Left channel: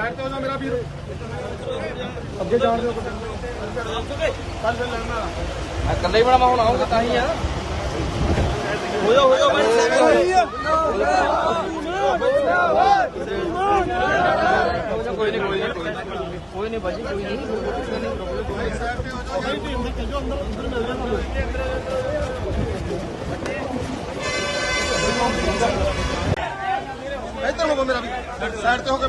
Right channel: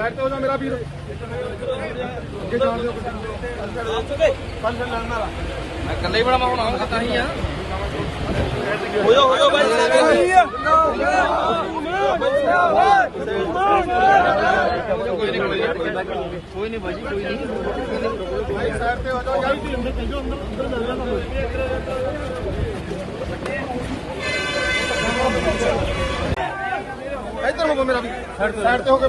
Side ਤੇ ਹੋ ਜਾ ਮੇਰਾ ਵੀਰ। ਅੱਗੇ ਜਾਣ ਦਿਓ। ਕੱਲੇ ਹੀ ਬੜਾ ਮਾਹੌਲ ਆਉਂਦਾ ਤਾਂ ਹੀ ਆ ਕੋਈ ਨਹੀਂ ਕੋਈ ਨਹੀਂ ਕੋਈ ਨਹੀਂ ਬਾਜੀ ਕੋਈ ਨਹੀਂ ਸਾਈਡ ਤੇ ਹੋ ਜਾ ਯਾਰ ਤੁਸੀਂ ਅੰਦਰ ਚੱਲ ਜਾਓ ਅੰਦਰ ਅੰਦਰ ਮਿਲ ਜਾਣਾ। ਤੁਹਾਨੂੰ ਇੱਥੇ ਨਹੀਂ ਮੇਰਾ ਵੀਰ ਸਾਈਡ ਤੇ ਹੋ ਕੇ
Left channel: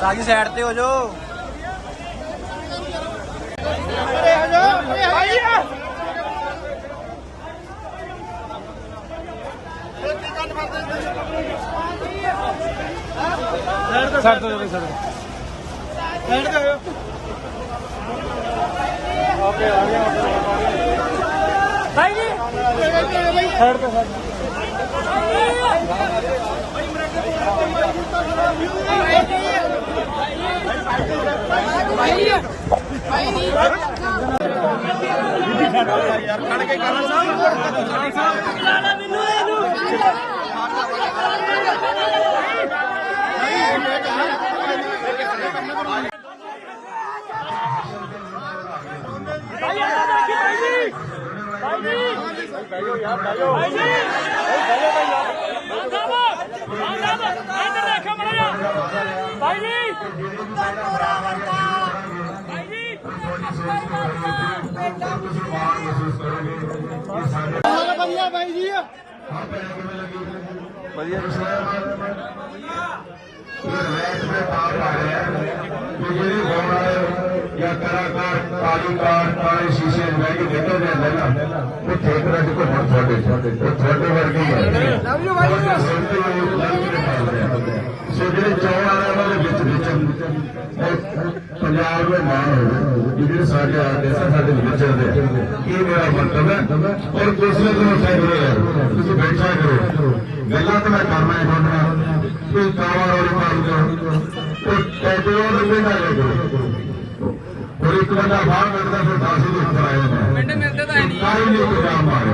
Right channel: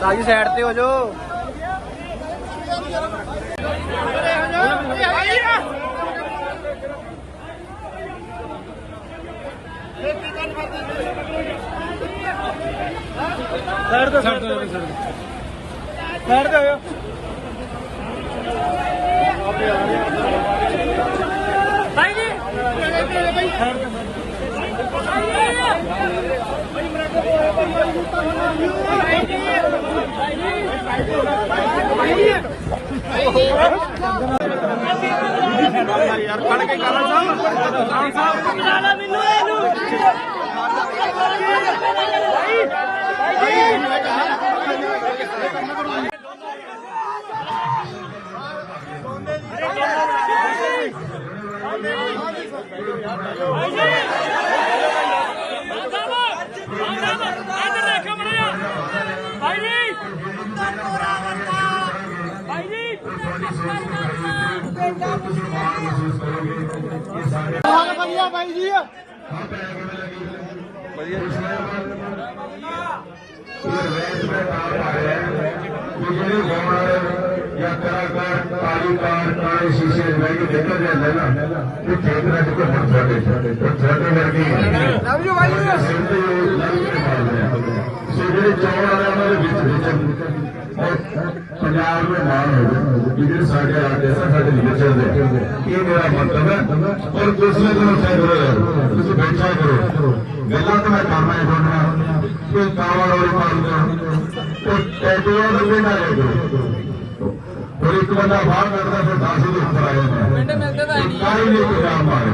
ਰਾਜੀ ਸਾਈਡ ਤੇ ਹੋ ਸਾਈਡ ਤੇ ਸਾਈਡ ਤੇ ਸਾਈਡ ਤੇ ਹੋਇਓ ਭਾਈ ਜੀ ਸਾਈਡ ਤੇ ਸਾਈਡ ਤੇ ਭਾਈ ਜੀ ਭਾਈ ਜੀ ਹਾਲ ਵਧੀਆ ਬਾਈ ਜੀ ਵਧੀਆ ਜਿਹੜੇ ਗਾਉਣ ਜਾਂ ਕਲਾਕਾਰ ਕਾਰੂਕਾਰ ਕਾਲੇ ਸ਼ੀਸ਼ੇ ਲੈ ਕੇ ਨਿਕਲ ਜਾਂਦੇ ਨਾ ਇਹ ਠੇਕ ਰੱਖ ਕੇ ਹੁਣ ਸਾਡੇ ਸਾਡੇ ਇਹ ਤੁਹਾਡੇ ਸੋ ਜਿਹੜੇ ਚੌਣ ਵਾਲੇ ਉਹਨਾਂ ਦੇ ਵਿੱਚ ਵਿੱਚ ਔਰ ਪੰਜਾਬ ਦੇ ਮਾਣ ਹੋਵੇ ਜਿਹੜੇ ਸਾਡੇ ਆ ਦੇਸਾਂ ਸਾਡੇ ਵਿੱਚ ਚੱਲਦੇ ਇਹ ਮੇਰਾ ਮਤਲਬ ਹੈ। ਔਰ ਦੂਸਰੇ ਦਿਨ ਉੱਥੇ ਕਰੋ ਤੁਸੀਂ ਬੈਠਾ ਕਰੋ। ਗੱਲਾਂ ਤਾਂ ਮੈਂ ਕਰਨਾ ਹੀ ਤੁਹਾਡਾ ਕੋਈ ਕਾਵਾ ਵਾਲੇ ਪਾਉਂਦੇ। ਉਹ ਟੈਟੂਆਂ ਦੇ ਪਿੰਡ ਆ ਕਰੋ ਬਾਹਰ ਕੱਢਦਾ ਫਿਰ 10 ਦੇ ਉੱਪਰ ਆ ਪਿੰਡ ਮਿਲਦੇ ਤਾਂ ਨਹੀਂ ਕਾਈ ਨਹੀਂ ਪੰਜਾਬ ਮਾਰੇ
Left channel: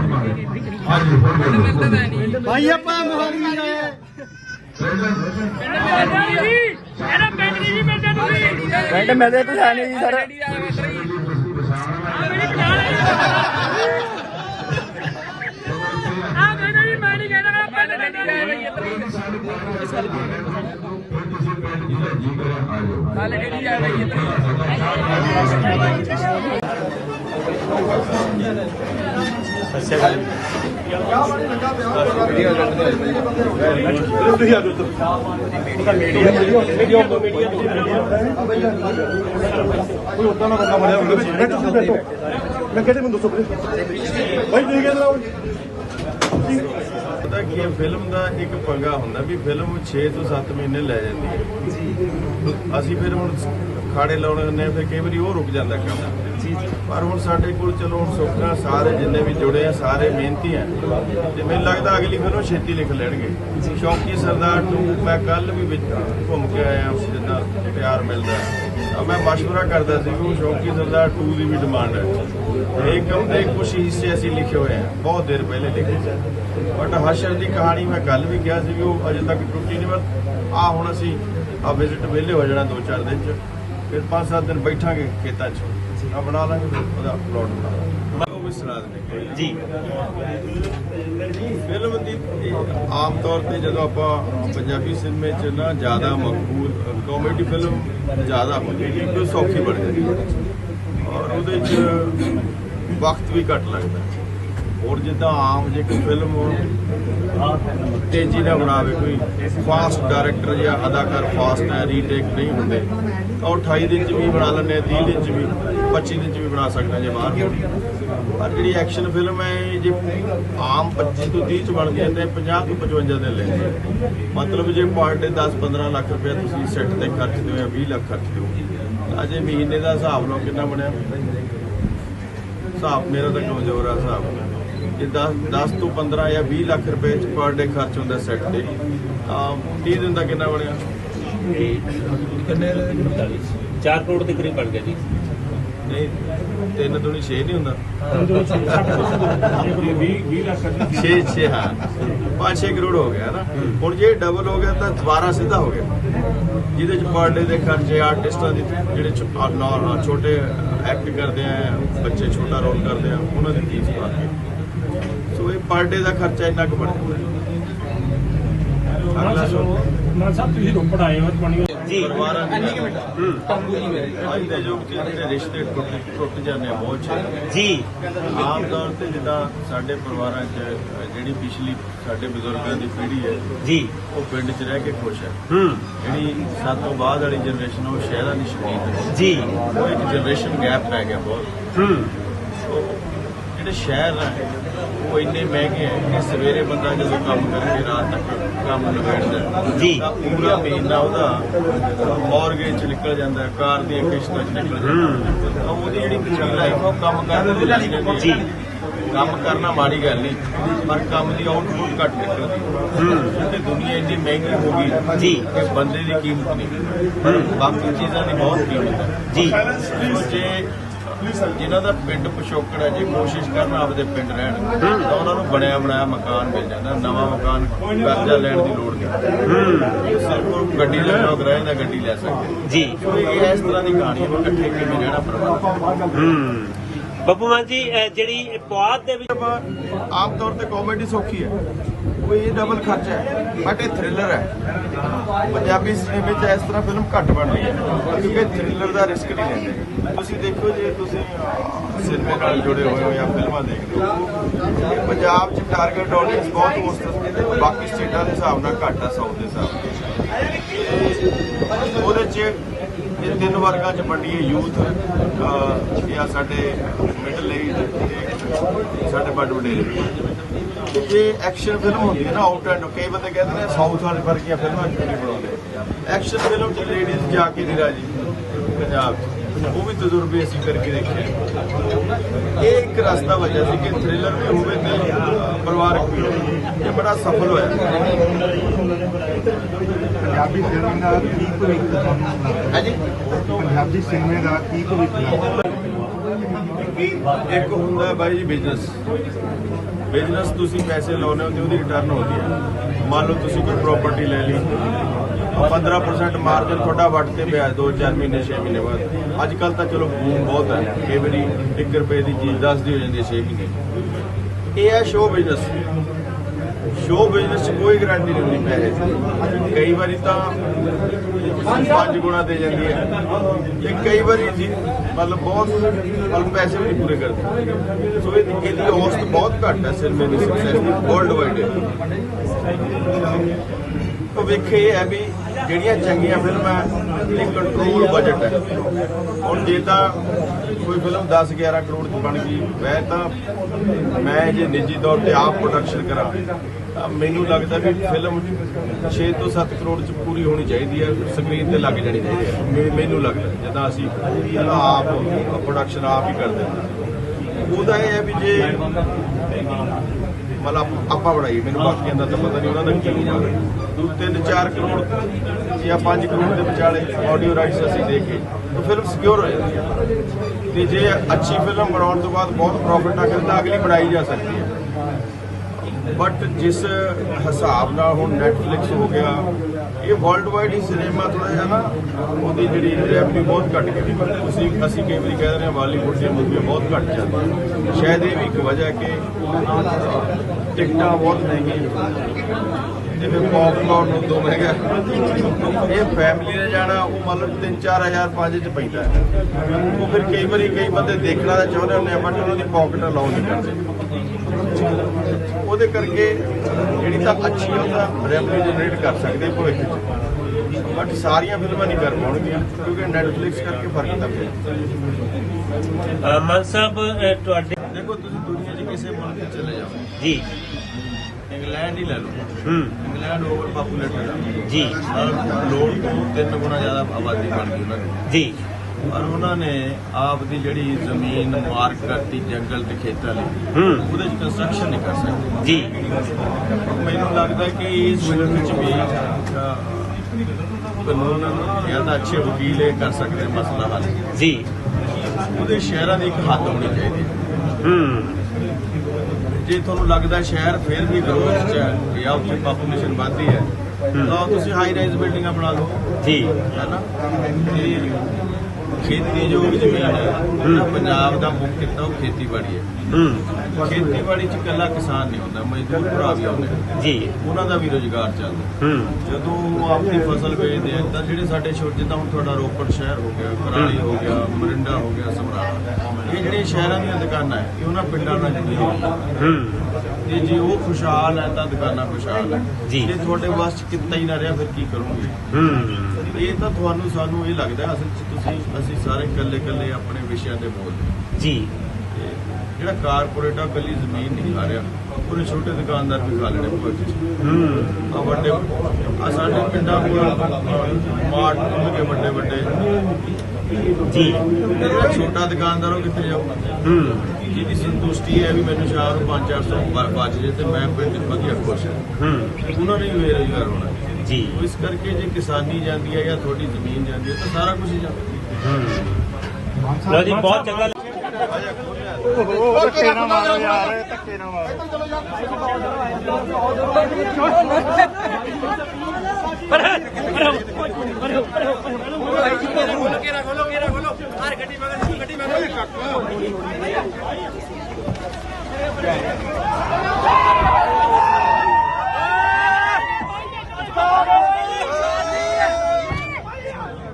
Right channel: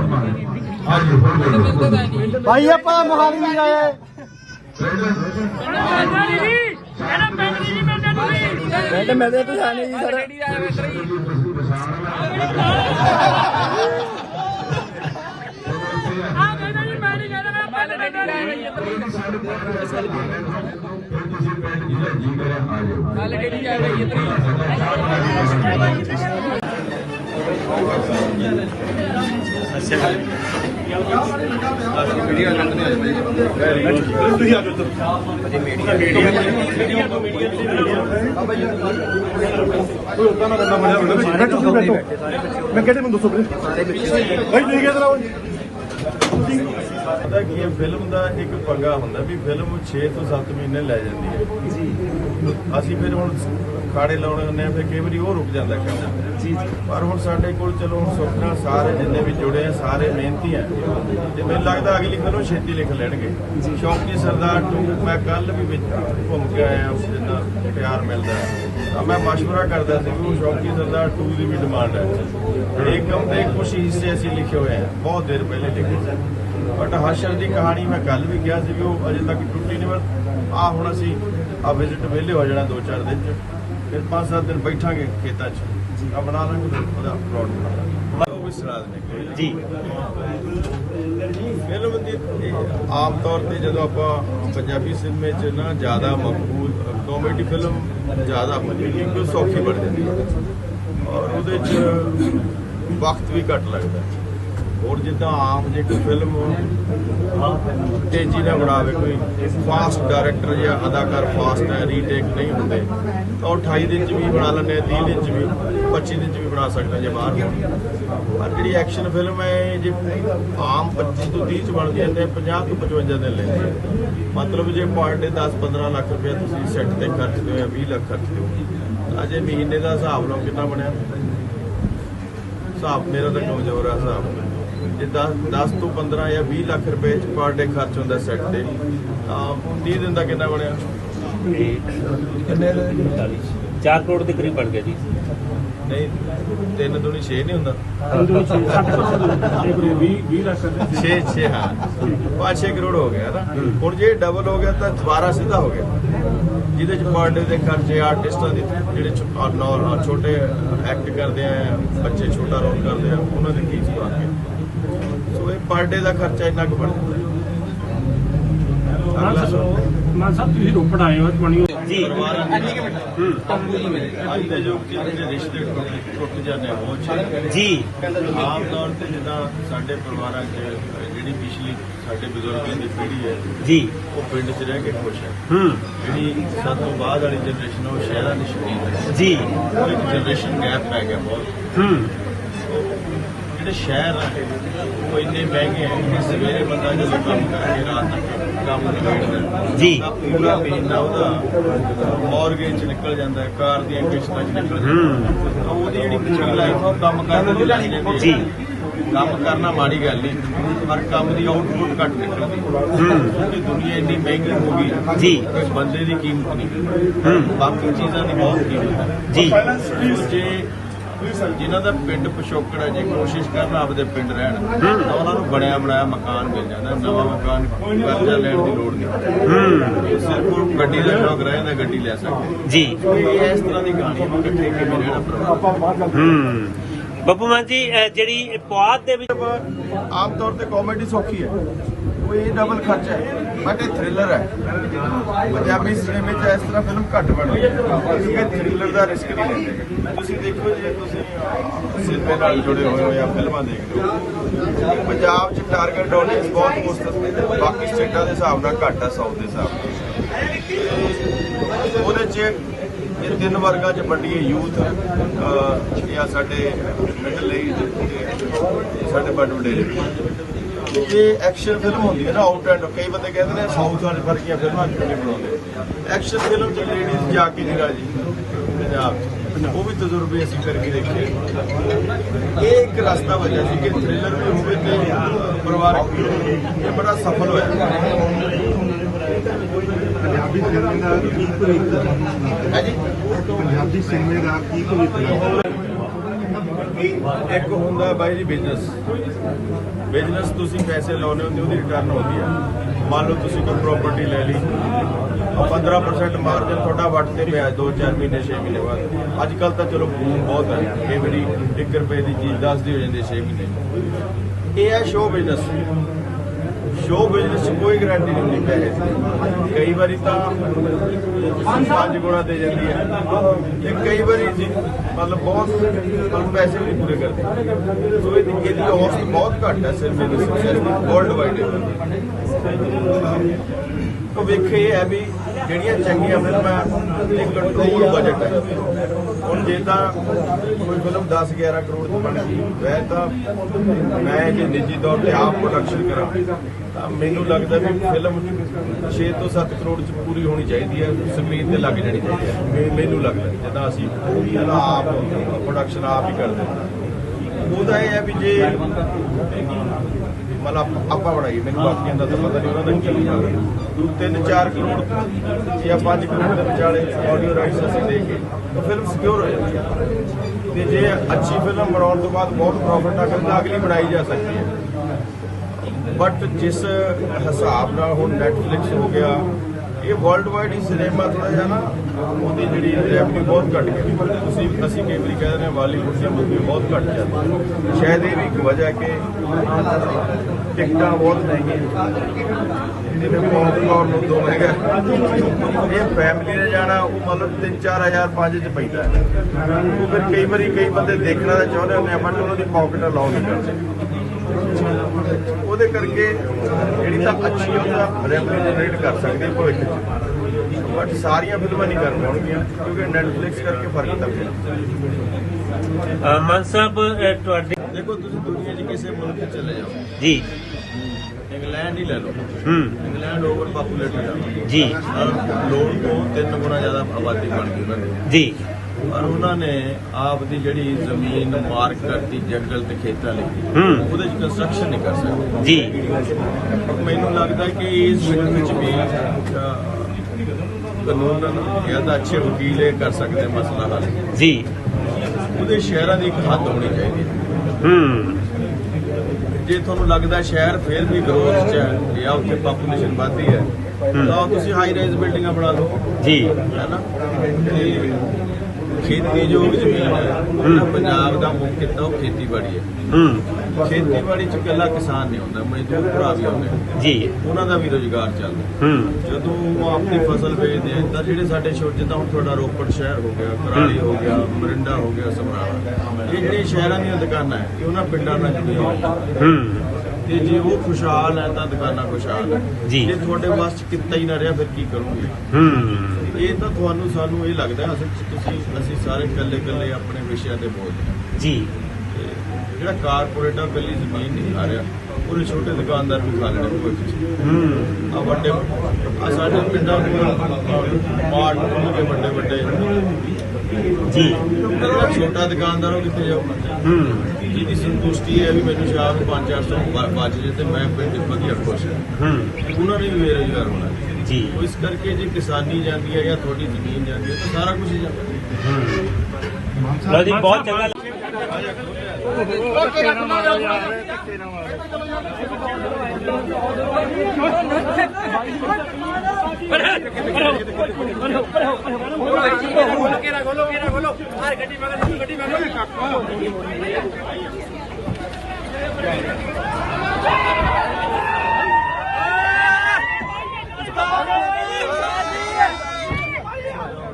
ਹਾਂਜੀ ਹੁਣ ਬੋਲੋ ਭਾਈ ਆਪਾਂ ਮਹਾਲੀ ਨਹੀਂ ਆਏ ਪਿੰਡ ਮਿਲਦੇ ਤੁਸੀਂ ਆਣੇ ਜੀ ਸਰ ਕੋਈ ਉਦਾਂ ਦਾ ਬੰਦਾ ਬਣਿਆ ਹੋਵੇ ਮੈਂ ਕਿਹਾ ਮੈਂ ਦੱਸੋ। ਭਾਈ ਠੀਕ ਹੈ ਪਤਾ ਕੀ ਹੈ ਫਿਲਮ ਦਾ ਇੱਕ ਪੰਗਾ ਹੁੰਦਾ ਵੀ ਫਿਲਮ 6 ਤੋਂ 7 ਮਹੀਨੇ ਲੈ ਜਾਂਦੀ ਹੈ। ਜੀ ਅਸੀਂ ਫਿਰ ਹੁਣ ਖਾੜੇ ਲਾਉਣੇ ਹੁੰਦੇ ਆ ਫਿਰ ਕਈ ਵਾਰੀ ਉਹ ਰੁਕ ਜਾਂਦਾ ਕੰਮ। ਜੀ ਪਰ ਹੁਣ ਸਾਡੇ ਕੋਲ ਚਲੋ ਹੁਣ ਸੁਖਨਾ ਸਾਰੇ ਜਿੰਨੇ ਵੀ ਜੁੜੇ ਆ, ਸਾਰੇ ਮਿਹਨਤੀ ਆ। ਤੇ ਮੈਨੂੰ ਲੱਗਦਾ ਅਗਲੀ ਫਿਲਮ ਛੇਤੀ ਲਿਖ ਲੈਣਗੇ। ਸ਼ੌਕੀ ਸਰਦਾਰ ਨੂੰ ਮੈਂ ਕੱਲ ਵੀ ਵਿੱਚ ਘੁੰਮ ਕੇ ਆਇਆ ਉਸ ਨਾਲ ਪਿਆਰ ਮਿਲਦਾ। ਹੈ। ਤਾਂ ਮੈਂ ਮਸ਼ਵਰਾ ਕਰਦਾ ਸੀ ਵੀ ਉਹ ਸ਼ੌਕੀ ਸਰਦਾਰ 2 ਦੀ ਵੀ ਡਿਮਾਂਡ ਹੈ। ਇਹ ਕੰਮ ਦੇ ਕੁਝ ਹਿੱਸੇ ਅਸੀਂ ਲਿਖੇ ਹੋਏ ਆ ਬਹੁਤ ਦੇਰ ਪਹਿਲੇ ਲਿਖੇ ਸੀ। ਬਟ ਹਸ਼ਰ ਦੀ ਕਹਾਣੀ ਮੈਂ ਕੱਲ ਵੀ ਕਿਹਾ ਸੀ ਵੀ ਉਹ ਅਜੇ ਤੱਕ ਟੁੱਟੀ ਨਹੀਂ ਪਰ ਆ ਹੁਣ ਅਸੀਂ ਆ ਵਿਜ਼ਿਟ ਵਿਹਲੇ ਹੋ ਜਾਣਾ 2-4 ਦਿਨ ਚ। ਫਿਰ 5-7 ਦਿਨ ਬੈਠਾਂਗੇ ਖੇਤਾਂ 'ਚ। ਆ ਬਣਾ ਲਾਂਗੇ ਉਹਦਾ ਪਲਾਟ ਬਣਾ ਲਾਂਗੇ। ਉਹ ਵੀ ਸੁਣਾ ਦੇਣੇ ਜੀ। ਫਿਲਮ ਦੀ ਆਮ ਤੌਰ ਤੇ ਜਦੋਂ ਆਪਾਂ ਪੰਜਾਬੀ ਸਿਨੇਮੇ 'ਚ ਨਾ ਜ਼ਿਆਦਾ ਮਕਬੂਲ ਕਾਮੇਡੀ ਫਿਲਮ ਜ਼ਿਆਦਾ ਹੋ ਜਾਏਗੀ ਕਿਉਂਕਿ ਸੌਖੀ ਬਣ ਜਾਂਦੀ ਹੈ। ਔਰ ਉਹਦੇ 'ਚ ਵਕਤ ਵੀ ਘੱਟ ਲੱਗਦਾ ਹੈ। ਹੋਰ ਜਿੱਦਾਂ ਆਮ ਜੇ ਕੋਈ ਫਿਲਮ ਤੇਜ਼ੀ ਨਾਲ ਬਣਾਵੇ ਕੋਈ ਫਾਸਟ ਡਾਇਰੈਕਟਰ ਜਾਂ ਅਦਾਕਾਰ ਫਾਸਟ ਹੈ ਰੀਟੇਕ ਨਹੀਂ ਹੁੰਦੇ। ਤਾਂ 28 ਦਿਨ ਚ ਵੀ ਬਣਾ ਲੈਂਦੇ 30 ਦਿਨ ਚ ਵੀ 25 ਦਿਨ ਚ ਵੀ ਬਣਾ ਸਕਦੇ ਜੇ ਬਾਹਰ ਪਰ ਜਿਹੜੀ ਐਕਸ਼ਨ ਫਿਲਮ ਹੈ ਜੇ ਆਮ 25 ਤੋਂ 30 ਚ ਬਣਦੀ ਹੈ, ਤੇ 50 ਤੋਂ 55 ਦਿਨ ਲੈਂਦੀ ਹੈ। ਮਤਲਬ ਜੇ ਪਰ ਡੇ 10 15 ਲੱਖ ਰੁਪਏ ਤੁਸੀਂ ਸੈੱਟ ਤੇ ਖਰਚਦੇ ਹੋ ਜਾਂ 20 ਲੱਖ ਖਰਚਦੇ ਹੋ ਤਾਂ ਜੇ ਮਹੀਨੇ ਦਾ ਹਿਸਾਬ ਲਓ ਕਿੰਨਾ ਬਣਿਆ? ਹਿਸਾਬ ਮੇਰਾ ਤਾਂ ਕਮਜ਼ੋਰ ਆ, ਹਿਸਾਬ। ਜੇ 10 10 ਤੋਂ 15 ਜਾਂ 20 ਲੱਖ ਰੁਪਏ ਚ ਪਰ ਡੇ ਖਰਚ ਹੁੰਦਾ ਸੈੱਟ ਤੇ। ਤਾਂ 30 ਦਿਨ ਦਾ ਕਿੰਨਾ ਬਣਿਆ? ਕਿੰਨੇ 4 ਕਰੋੜ ਦੇ ਕਰੀਬ ਬਣ ਗਿਆ ਜੀ। ਨਹੀਂ 3 ਦੁਨੀ 6 ਨਹੀਂ ਹੁੰਦਾ। 20 ਲੱਖ 6 6 ਹਾਂ। 5-6 ਕਰੋੜ ਹੋ ਗਿਆ ਨਾ। ਹੁਣ ਜੇ ਡਬਲ ਹੋ ਗਿਆ ਤਾਂ ਦੁਬਾਰਾ ਸਿੱਧਾ ਹੋ ਗਿਆ। ਜਿਹਦੇ ਚ ਪਰ ਡੇ ਦੇ ਖਰਚੇ ਆਰਟਿਸਟਾਂ ਦੇ ਜਿਹੜੇ ਛੋਟੇ ਐਕਟ ਕਰਦੇ ਆ ਬੱਚੇ ਛੋਟਾ ਰੋਲ ਕਰਦੇ ਆ ਉਹਨਾਂ ਦੀ ਫੀਸ ਪਾ ਇਹ ਪਰ ਡੇ ਦਾ ਖਰਚਾ ਇੰਨਾ ਕੁ ਬਣ ਜਾਂਦਾ ਹੈ। ਅਗਲਾ ਸੋ ਮੈਂ ਸਭ ਤੁਸੀਂ ਰੋਪੜ ਆਏ ਹੋ ਬਣੀ ਜੀ। ਪਰਿਵਾਰਾਂ ਦੀ। ਅੱਜ ਦੇ ਯੁੱਗ 'ਚ ਜਿਹੜੇ ਰਿਸ਼ਤੇ ਟੁੱਟ ਟੁੱਟ ਜਾਂਦੇ ਆ ਉਹ ਚ ਜੀ। ਆਮ ਤੌਰ ਤੇ ਜਿੱਦਾਂ ਸਾਡੇ ਪਰਿਵਾਰਾਂ 'ਚ ਜਿਹੜੀ ਪਿਛਲੀ ਸਾਡੇ ਬਜ਼ੁਰਗਾਂ ਦੀ ਪੀੜ੍ਹੀ ਹੈ ਜੀ। ਉਹ ਪਿੰਡ 'ਚ ਰਹਿ ਕੇ ਖੁਸ਼ ਹੈ। ਹੂੰ। ਜਿਹੜੀ ਸਭ ਤੋਂ ਬਾਅਦ ਵਾਲੀ ਜਨਰੇਸ਼ਨ ਉਹ ਸ਼ਹਿਰਾਂ ਦੀ ਸ਼ੌਕੀਨ ਹੈ ਜੀ। ਉਹ ਇੱਕ ਜਨਰੇਸ਼ਨ ਗੈਪ ਪੈ ਗਿਆ ਬਹੁਤ। ਹੂੰ। ਜਿਹੜੇ ਸ਼ਹਿਰ ਉਹ ਇੰਨੇ ਮਹਿੰਗੇ ਹੈ ਕਿ ਸਵੇਰੇ ਬੰਦਾ ਜਦੋਂ ਕੰਮ ਕਰਕੇ ਰਾਤ ਤੱਕ ਕੰਮ ਨਿਬੇੜਦਾ ਜੀ। ਤਾਂ ਪੂਰਾ ਮਹੀਨਾ ਉਹਦਾ ਮਾਰਗੇਜ ਚ ਨਿਕਲ ਜਾਂਦਾ ਹੈ ਕਾਰ ਦੀਆਂ ਕਿਸ਼ਤਾਂ ਚ ਨਿਕਲ ਜਾਂਦਾ। ਹੈ। ਤਾਂ ਉਹਦੀ ਜਿਹੜੀ ਪੂਰੀ ਲਾਈਫ ਉਹ ਕੰਮ ਕਰਨ ਦੀ ਲੱਗ ਜਾਂਦੀ ਹੈ। ਜੀ। ਕੰਮ ਕਰਨਾ ਮਾੜੀ ਗੱਲ ਨਹੀਂ ਪਰ ਕੰਮ ਦੀ ਆਊਟਪੁੱਟ ਘੱਟ ਨਿਕਲਦੀ। ਹੈ। ਕਿਉਂਕਿ ਦੁਨੀਆ ਇੰਨੀ ਮਹਿੰਗੀ ਹੋ ਗਈ ਜੀ। ਕਿ ਬੰਦੇ ਦੀ ਕੀਮਤ ਨਹੀਂ। ਪਰ ਬਾਕੀ ਚੀਜ਼ਾਂ ਦੀ ਬਹੁਤ ਕੀਮਤ ਹੈ। ਜੀ। ਜੇ ਜਿਨ੍ਹਾਂ ਦਾ ਪਿੰਡ ਪਿਛੋਕੜ ਹੈ ਜੇ ਕੋਸ਼ਿਸ਼ ਕਰਨ ਆਪਦੇ ਪਿੰਡ ਰਹਿਣ। ਤਾਂ ਉਹਨਾਂ ਨੂੰ ਬਣਿਆ ਬਣਾਇਆ ਮਕਾਨ ਮਿਲ ਜਾਂਦਾ ਨਵਾਂ ਮਕਾਨ ਕਰਜ਼ਾ ਲੈਣ ਦੀ ਲੋੜ ਨਹੀਂ। ਜੇ। ਸਿਰਫ ਉਹ ਗੱਡੀ ਦਾ ਸ਼ੌਕ ਰਹੇ ਤਾਂ ਗੱਡੀ ਲੈ ਸਕਦੇ ਜੀ। ਇਹ ਇਸ ਤਰ੍ਹਾਂ ਦੀ ਕਹਾਣੀ ਹੈ ਵੀ ਇਕੱਠੇ ਕਿਵੇਂ ਰਹਿਣਾ ਪਰਿਵਾਰ। ਹੂੰ ਬੱਬੂ ਮਾਨ ਜੀ ਜਿਹੜੀ ਬਾਅਦ ਦੇ ਵਿੱਚ ਆਪਾਂ ਆਮ ਤੌਰ ਤੇ ਕਾਮੇਡੀ ਸੌਖੀ ਹੈ। ਉਹ ਇਹ ਡਬਲ ਖਰਚਾ ਹੈ। ਬਟ ਇਹ ਥ੍ਰਿਲਰ ਹੈ। ਪੰਜਾਬੀ ਸਿਨੇਮੇ 'ਚ ਇਸ ਤਰ੍ਹਾਂ ਫਿਲਮ ਘੱਟ ਬਣਦੀ ਹੈ। ਕਿਉਂਕਿ ਥ੍ਰਿਲਰ ਦਾ ਰਿਸਕ ਨਹੀਂ ਲੈਂਦੇ ਤੁਸੀਂ ਦੇਖੋ ਜੇ ਤੁਸੀਂ ਅਹ, ਸਿਨੇਮੇ ਨਾਲ ਜੁੜੇ ਹੋਏ ਹੋ ਜਾਂ ਫਿਲਮਾਂ ਦੇਖਦੇ ਹੋ ਪੰਜਾਬ 'ਚ ਟਾਰਗੇਟ ਆਡੀਅנס ਬਹੁਤ ਉਸ ਬਾਕੀ ਸਟੇਟਾਂ ਦੇ ਹਿਸਾਬ ਨਾਲ ਘੱਟ ਹੈ ਸਾਊਥ ਦੇ ਹਿਸਾਬ ਨਾਲ। ਉਹਦੇ 'ਚ ਇਹ ਤਿੰਨ ਵਰਗਾਂ 'ਚ ਵੰਡੀਏ ਯੂਥ ਜਾਂ ਸਾਡੇ ਮਿਡਲ ਏਜ ਸਾਡੇ ਵੱਡ ਵਡੇਰੇ। ਜੇ ਐਕਸ਼ਨ ਫਿਲਮ ਹੁੰਦੀ ਹੈ ਨਾ ਆਊਟ ਐਂਡ ਕਈ ਬੰਦੇ ਕਹਿੰਦੇ ਨੇ ਸਾਊਥ ਵਾਲੇ ਵਰਗੀਆਂ ਫਿਲਮਾਂ ਕਿਉਂ ਨਹੀਂ ਬਣਾਉਂਦੇ? ਐਕਸ਼ਨ ਫਿਲਮ 'ਚ ਲੇਡੀਜ਼ ਜਾ ਕੇ ਨਹੀਂ ਰਾਜੀ। ਪੰਜਾਬ 'ਚ। ਉਹ ਵੀ ਤਜਰਬੇ ਅਸੀਂ ਕਰਕੇ ਦੇਖੇ ਆ। ਇਹ ਇੱਕ ਰਸਤਾ ਵਜਾ ਸੀ ਕਿ ਥ੍ਰਿਲਰ ਵੀ ਹੋਵੇ ਤੇ ਪਰਿਵਾਰਕ ਵੀ ਹੋਵੇ। ਇਹ ਬੜਾ ਸਫਲ ਹੋਇਆ। ਪੰਜਾਬੀ ਸਿਨੇਮੇ ਦਾ ਕੀ ਭਵਿੱਖ ਹੈ ਜੀ? ਪੰਜਾਬੀ ਸਿਨੇਮੇ ਦਾ ਕੀ ਭਵਿੱਖ ਇੱਕ ਹੁੰਦਾ ਬਾਈ ਜੀ ਬਿਜ਼ਨਸ ਬਿਜ਼ਨਸ ਤੁਸੀਂ ਪੈਸੇ ਲਾਉਨੇ ਹੋ ਤੇ ਉਹਦੀ ਰਿਟਰਨ ਹੁੰਦੀ ਹੈ। ਮੰਨ ਲਓ ਤੁਸੀਂ ਕੋਈ ਪ੍ਰਾਪਰਟੀ ਲੈ ਲਈ। ਉਹ 15% ਮਾਰਜਨ ਤੁਹਾਡਾ ਵੱਟ ਤੇ ਪਿਆ 2-4 ਮਹੀਨੇ 6 ਮਹੀਨੇ ਬਾਅਦ। ਅੱਜ ਕੱਲ ਤਾਂ ਚਲੋ ਬੂਮ ਬਹੁਤ ਹੈ। ਕਈ ਵਾਰੀ 1 ਰੁਪਏ ਦੀ ਚੀਜ਼ 10 ਦੀ ਹੋ ਜਾਂਦੀ ਹੈ 6 ਮਹੀਨੇ। ਇਹ ਹੈ ਸ਼ੋ ਬਿਜ਼ਨਸ ਸ਼ੋ ਬਿਜ਼ਨਸ 'ਚ ਕੋਈ ਗਾਰੰਟੀ ਨਹੀਂ ਹੁੰਦੀ ਪੈਸੇ ਦੀ। ਕਈ ਵਾਰੀ ਤਾਂ ਪੰਜ ਗੁਣਾ ਦੇ ਜਾਂਦੀ ਹੈ। ਤੇ ਕਈ ਵਾਰੀ ਮਤਲਬ ਬਹੁਤ, ਮਤਲਬ ਪੈਸੇ ਵੀ ਨਹੀਂ ਪੂਰੇ ਕਰਦੇ। ਸੋ ਇਹਦੀ ਇਹਦੀ ਔਸਤ ਬਹੁਤ ਘੱਟ ਹੈ ਸਿਨੇਮੇ ਦੀ ਸਕਸੈਸ ਵਰਲਡ ਵਾਈਡ ਭਵਿੱਖ ਇਹ ਹੈ ਵੀ ਜਿਹੜੀਆਂ ਚੰਗੀਆਂ ਫਿਲਮਾਂ ਤੇ ਕੰਟਰੋਲ ਬਜਟ ਹੈ। ਹੁਣ ਜੇ ਤਾਂ ਕੋਈ ਫਿਲਮ 10 11 ਕਰੋੜ ਦੀ ਬਣ ਗਈ ਵੈ ਤਾਂ, ਮੈਂ ਜੇ ਨਿੱਜੀ ਤੌਰ ਤੇ ਆਪ ਪ੍ਰੋਡਕਸ਼ਨ ਕਰਾਂ, ਤਾਂ ਮੈਨੂੰ ਲੱਗਦਾ ਵੀ ਫਿਲਮ 6 ਤੋਂ 7 ਕਰੋੜ ਚ ਪੂਰੀ ਹੋਣੀ ਚਾਹੀਦੀ ਹੈ ਸਕਰੀਨ ਤੇ ਲੱਗ ਜਾਣੀ ਚਾਹੀਦੀ ਹੈ। ਮੈਨੂੰ ਲੱਗਦਾ, ਜਦੋਂ ਅਸੀਂ ਪਹਿਲਾਂ ਆਪ ਪ੍ਰੋਡਕਸ਼ਨ ਆਪ ਹੀ ਕਰਦੇ ਹਾਂ ਉਹਦਾ ਇਹ ਹੈ ਵੀ ਜੇ ਮਤਲਬ ਆਪਾਂ ਬਣਾਈ। ਮੈਨੂੰ ਬਾਕੀਆਂ ਦਾ ਤਾਂ ਪਤਾ ਨਹੀਂ ਉਹਨਾਂ ਦਾ ਕੀ ਹੋਊਗਾ 3-4 ਕਰੋੜ ਜਾਂ 5 ਕਰੋੜ ਦੇ ਵਿਚਾਲੇ ਆਡੀਓ ਰਾਈਟਸ ਅਸੀਂ ਦੇ ਕੇ ਤਾਂ ਫਿਲਮ ਸਿਕਿਉਰ ਹੋ ਜਾਂਦੀ ਹੈ। ਤੇ ਜੇ ਅੱਛੀ ਫਿਲਮ ਬਣਾਉਣ ਤੋਂ ਬਾਅਦ ਬਹੁਤ ਪ੍ਰੋਫਿਟ ਆ ਤਾਂ ਅਗਲੀ ਬਣਾਈ ਜਾ ਸਕਦੀ ਹੈ। ਬਟ ਜਿਸ ਹਿਸਾਬ ਨਾਲ ਹੁਣ ਨੈਟਫਲਿਕਸ ਹੋ ਗਿਆ ਇਹ ਵਰਲਡ ਵਾਈਡ ਹੀ ਸਿਨੇਮਾ ਥੋੜਾ ਜਿਹਾ ਨਾ ਉਹਦੀ ਜਿਹੜੀ ਰੈਵਨਿਊ ਬਹੁਤ ਘਟ ਗਈ। ਤੁਸੀਂ, ਅਸੀਂ ਕਈ ਵਾਰੀ ਕਹਿ ਰਹੇ ਹਾਂ ਬਾਲੀਵੁੱਡ ਦੀਆਂ ਮੂਵੀਆਂ ਬਹੁਤ ਘਟ ਜਾਂਦੀਆਂ ਸ਼ਾਇਦ ਇਹ ਵੀ ਇੱਕ ਵਜ੍ਹਾ ਕਿ ਟਿਕਟਾਂ ਬਹੁਤ ਮਹਿੰਗੀਆਂ ਤੇ ਫਿਰ ਪੌਪਕਾਰਨ ਉਦੋਂ ਮਹਿੰਗਾ। ਇਹ ਫੈਮਿਲੀ ਨੇ ਜਾਣਾ, ਉਹ ਮਤਲਬ 3-4000 ਪੰਜ ਚ ਪੈਂਦਾ ਹੈ। ਉਹ ਫਿਰ ਕਈ ਵਾਰੀ ਕਈ ਬੰਦੇ ਦੇਖਣਾ ਤਾਂ ਚਾਹੁੰਦੇ ਹੁੰਦੇ ਆ ਬਟ ਉਹਨਾਂ ਦੀ ਪਾਕਟ ਅਲਾਉ ਨਹੀਂ ਕਰਦੇ। ਉਹਦੇ ਕਰਕੇ ਜਿਹੜੀ ਤਾਂ ਅੱਛੀ ਉਹਦਾ ਰੈਵਨਿਊ ਜਨਰੇਟ ਕਰ ਸਕਦੇ ਭਵਿੱਖ ਚ ਬਟ ਸਾਰੀਆਂ ਫਿਲਮਾਂ ਨਹੀਂ ਕਰ ਪਾਉਣਗੀਆਂ ਕਿਉਂਕਿ ਨੈਟਫਲਿਕਸ ਕਰਕੇ ਫ਼ਰਕ ਤਾਂ ਪਿਆ। ਮਾਨ ਸਾਹਿਬ ਤੁਹਾਡੇ ਦੇਖੋ ਤੁਸੀਂ ਦੁਨੀਆ 'ਚ ਕਿਸੇ ਮੁਲਕ 'ਚ ਚਲੇ ਜਾਓ। ਜੀ। ਇੰਗਲੈਂਡ ਹੀ ਲੈ ਲਓ। ਹੂੰ। ਇੰਗਲੈਂਡ ਓਵਰ ਪਾਪੂਲੇਟਡ ਆ। ਜੀ। ਲੋੜ ਤੋਂ ਤਿੰਨ ਗੁਣਾ ਜ਼ਿਆਦਾ ਆਬਾਦੀ ਬਣ ਗਈ ਉਹਨਾਂ ਦੀ। ਜੀ। ਪਰ ਉਹਨਾਂ ਨੇ ਆਪ ਦੀ ਜਿਹੜੀ ਜ਼ਮੀਨ ਮਾਰਕ ਕਰਤੀ ਜੰਗਲ ਤੇ ਖੇਤਾਂ ਲਈ ਉਹਦੇ 'ਚ ਕੰਸਟਰਕਸ਼ਨ ਨਹੀਂ ਕਰ ਸਕਦੇ। ਜੀ। ਮੈਨੂੰ ਲੱਗਦਾ ਕਿ ਇਸ ਮੁਲਕ 'ਚ ਵੀ ਕਾਨੂੰਨ ਤਾਂ ਅੱਛੇ ਵਕੀਲ ਇਹ ਕਰ ਸਕਦੇ ਮਸਲਾ ਹੱਲ। ਜੀ। ਉਹਦੇ ਸ਼ਹਿਰਾਂ ਦੀ ਇੱਕ ਹੱਦ ਹੋਣੀ ਚਾਹੀਦੀ ਹੈ। ਹੂੰ। ਜੇ ਤੁਹਾਨੂੰ ਲੱਗਦਾ ਸ਼ਹਿਰ ਫਿਰ ਵੀ ਗਰੋਥ 'ਚ ਹੈ ਜਾਂ ਉੱਥੇ ਪਾਪੂਲੇਸ਼ਨ ਵੱਧਦੀ ਹੈ ਤਾਂ ਤੁਸੀਂ ਹਾਈ ਰਾਈਜ਼ ਬਿਲਡਿੰਗਾਂ ਬਣਾ ਲਓ। ਜੀ। ਹੈ ਨਾ? ਤੇ ਖੇਤੀਯੋਗ ਜ਼ਮੀਨ ਹੈ ਜਿਹੜਾ ਪੰਜਾਬ ਦਾ ਮੁੱਖ ਕਿੱਤਾ ਉਹ ਖੇਤੀਬਾੜੀ ਹੈ। ਹੂੰ। ਖੇਤੀਬਾੜੀ 'ਚ ਇਕੱਲਾ ਕਿਸਾਨ ਨਹੀਂ ਹੁੰਦਾ ਮਜ਼ਦੂਰ ਭਰਾ ਵੀ ਆਉਂਦੇ ਨੇ ਜੀ। ਉਹਨਾਂ ਦਾ ਵੀ ਰੋਜ਼ਗਾਰ ਚੱਲਦਾ ਹੂੰ। ਜਦੋਂ ਆਪਣੀ ਫਸਲ ਵੇਚਦੇ ਆ ਤਾਂ ਜਿਹੜੇ ਸਾਡੇ ਛੋਟੇ ਜਿੱਦਾਂ ਹੁਣ ਤੁਹਾਡਾ ਰੋਪੜ ਸ਼ਹਿਰ ਹੋ ਗਿਆ ਕਰਾਲੀ ਹੋ ਗਿਆ ਮਰਿੰਡਾ ਹੋ ਗਿਆ ਸਮਰਾਲਾ। ਇਹ ਜਿਹੜੀਆਂ ਸ਼ਹਿਰਾਂ ਦੀਆਂ ਦੁਕਾਨਾਂ ਹੈ ਇਹ ਉਹਨਾਂ ਪਿੰਡਾਂ ਨਾਲ ਜੁੜੀਆਂ ਹੋਈਆਂ। ਹੂੰ। ਤੇ ਜੇ ਉਹ ਖੁਸ਼ਹਾਲ ਹੈ ਤਾਂ ਦੁਕਾਨਾਂ ਖੁਸ਼ਹਾਲ ਹੈ। ਜੀ। ਜੇ ਤੁਹਾਡੇ ਵਾਸ ਚ ਕਿੱਤਾ ਹੀ ਨਾ ਰਿਹਾ ਫਿਰ ਕੀ ਕਰੋਗੇ? ਹੂੰ। ਇਹ ਤਾਂ ਤੁਹਾਨੂੰ ਸਾਨੂੰ ਇਹ ਲੱਗਦਾ ਅਸਲ ਚ ਤੁਸੀਂ ਅਸੀਂ ਸਾਰੇ ਇਕੱਲੇ ਇਕੱਲੇ ਆਪਣੇ ਵਿਸ਼ਿਆਂ ਤੇ ਬੋਲਦੇ ਹਾਂ। ਜੀ। ਤੇ ਜਿਹੜਾ ਕਾਰਪੋਰੇਟ ਆ ਕੱਲੀ ਜ਼ਮੀਨ ਨਹੀਂ ਖਾ ਰਿਹਾ ਪੂਰੇ ਛੋਟੇ ਦੁਕਾਨਦਾਰ ਵੀ ਖਾ ਲੈਣੇ ਭੁੱਖ ਚ ਹੂੰ। ਆ ਵੱਡੇ ਆ ਸਾਡੇ ਪਿੰਡਾਂ ਕੋਲ ਮਾਰਟ ਖੁੱਲ ਗਏ ਵੱਡੇ ਵੱਡੇ। ਜੀ। ਜਿਹੜਾ ਛੋਟਾ ਦੁਕਾਨਦਾਰ ਉਹ ਕਿੱਥੇ ਜਾਊਗਾ? ਹੂੰ। ਜਿਹਦੀ ਸੰਤੁਸ਼ਟੀ ਹੈ ਵੀ ਮੈਨੂੰ ਸ਼ਾਮ ਨੂੰ 5-400 ਬਚ ਜੇ ਤੇ ਮੈਂ ਪਿੰਡ ਵਧੀਆ ਖੁਸ਼ ਹਾਂ। ਹੂੰ। ਉਹਨਾਂ ਨੇ ਵੀ ਬੇਰੁਜ਼ਗਾਰ ਹੋਣਾ। ਜੀ। ਉਹ ਇਸ ਕਰਕੇ ਜੇ ਕਿਸਾਨੀ ਜਾਂਦੀ ਹੈ ਜਾਂ ਤੁਹਾਡੀ ਜ਼ਮੀਨ ਜਾਂਦੀ ਹੈ ਤਾਂ ਸਾਰਾ ਕੁਝ ਹੀ ਜਾਂਦਾ। ਹੈ। ਹੂੰ। ਲਓ ਜੀ ਬਹੁਤ ਚੰਗਾ ਓਹੋ ਧੱਕੇ ਨਾ ਮਾਰ ਯਾਰ ਧੱਕੇ ਨਾ ਮਾਰ ਖੋਲੋ ਕੇਰਾ ਖੋਲੋ ਕੇਰਾ ਖੋਲੋ ਹਰ ਗੱਡੀ ਮਗਰ ਗੱਡੀ ਮਗਰ ਕਾਕਾ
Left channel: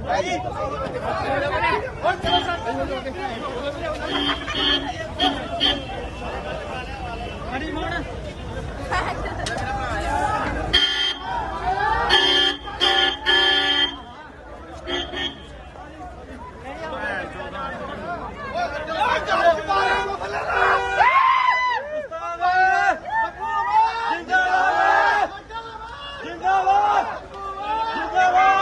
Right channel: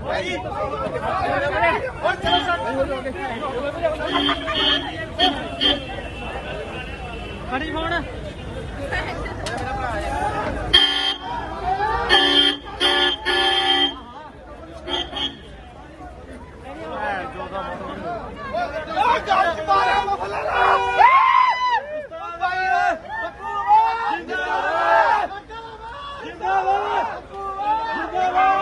Thank you. ਫੜੀ ਫੋਨ। ਜਿੰਦਾਬਾਦ। ਜਿੰਦਾਬਾਦ। ਜਿੰਦਾਬਾਦ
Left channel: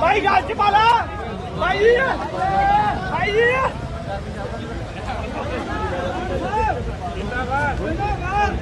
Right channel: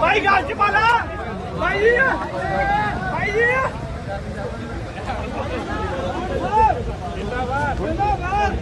ਭਾਈ ਗੱਲ ਚ ਪਾਲਾ ਭਾਈ ਜੀ ਭਾਈ ਜੀ ਜਿੰਦਾਬਾਦ ਜਿੰਦਾਬਾਦ।